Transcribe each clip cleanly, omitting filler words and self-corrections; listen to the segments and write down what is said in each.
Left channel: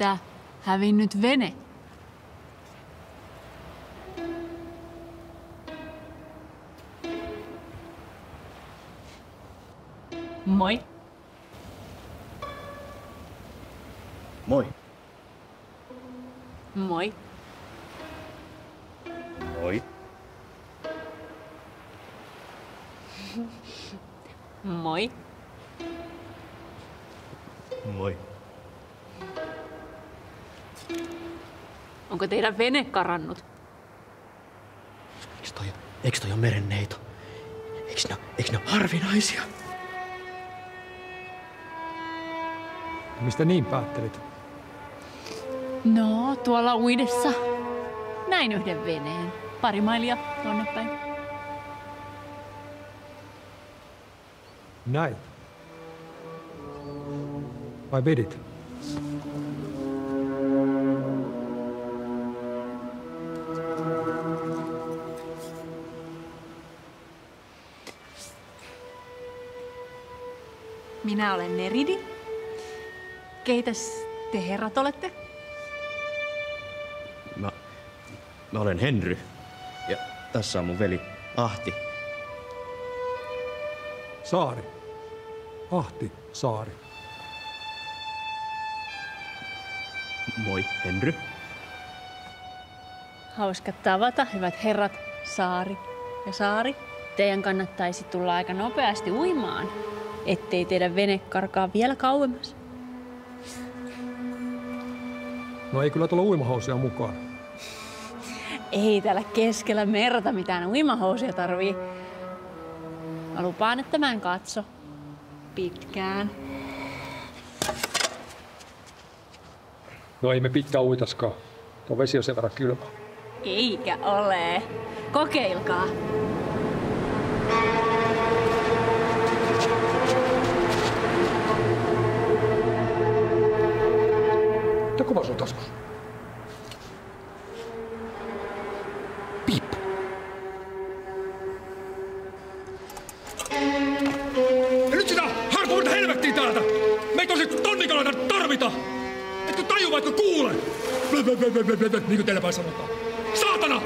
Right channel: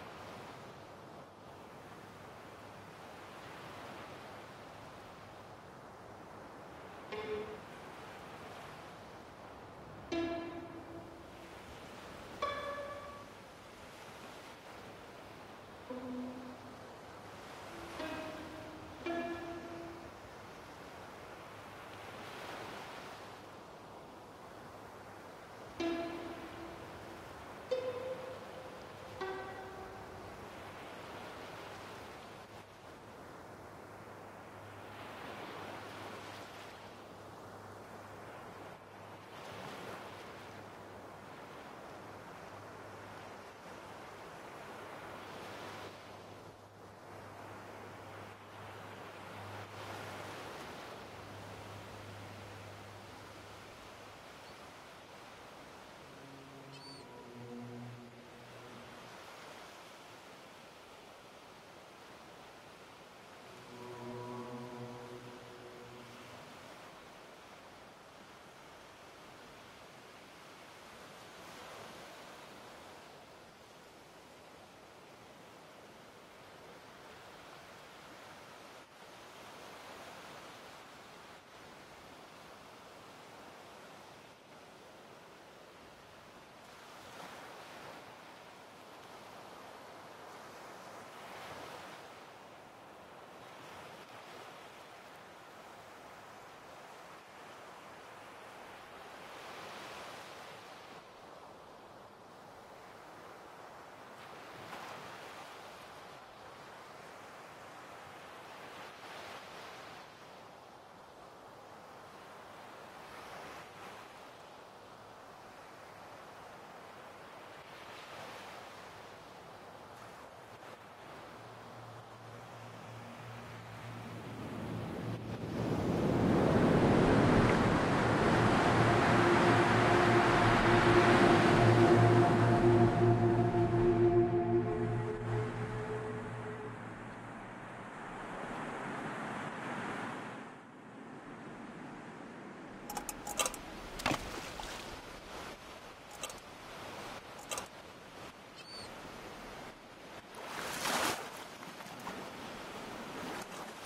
meiltä hävinnyt vene. Moi. Moi. Moi. Moi. Moi. Moi. Onko teidän vene karannut? Eikö toi ole merenneito? Eikö ne ole harvinaisia? Mistä niin päättelit? No, tuolla uidessa. Näin yhden veneen. Pari mailia tuonne päin. Näin. Vai vedit? Minä olen Neridi. Keitäs te herrat olette? Mä olen Henry. Ja tässä on mun veli Ahti. Saari. Ahti Saari. Moi, Henry. Hauska tavata, hyvät herrat Saari ja Saari. Teidän kannattaisi tulla aika nopeasti uimaan, ettei teidän vene karkaa vielä kauemmas. No ei kyllä tulla uimahousia mukaan. Ei täällä keskellä merta mitään uimahousia tarvii. Mä lupaan, että mä en katso pitkään. No ei me pitkään uitaskaan. Tuo vesi on sen verran kylmä. Eikä ole. Kokeilkaa. Mitä kova sun taskus? Piip. Ja nyt sitä harpuuta helvettiin täältä! Meitä on sit tonnikaloita tarvita! Etkö taju vaikka kuule? Niin kuin teillä päin sanotaan. Saatana!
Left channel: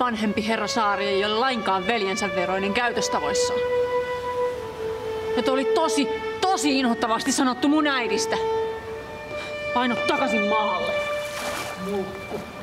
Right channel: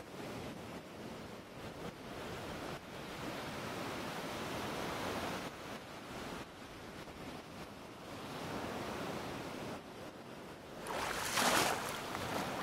Vanhempi herra Saari ei ole lainkaan veljensä veroinen käytöstavoissaan. Ja tuo oli tosi inhottavasti sanottu mun äidistä. Paino takaisin maalle. Mulkku.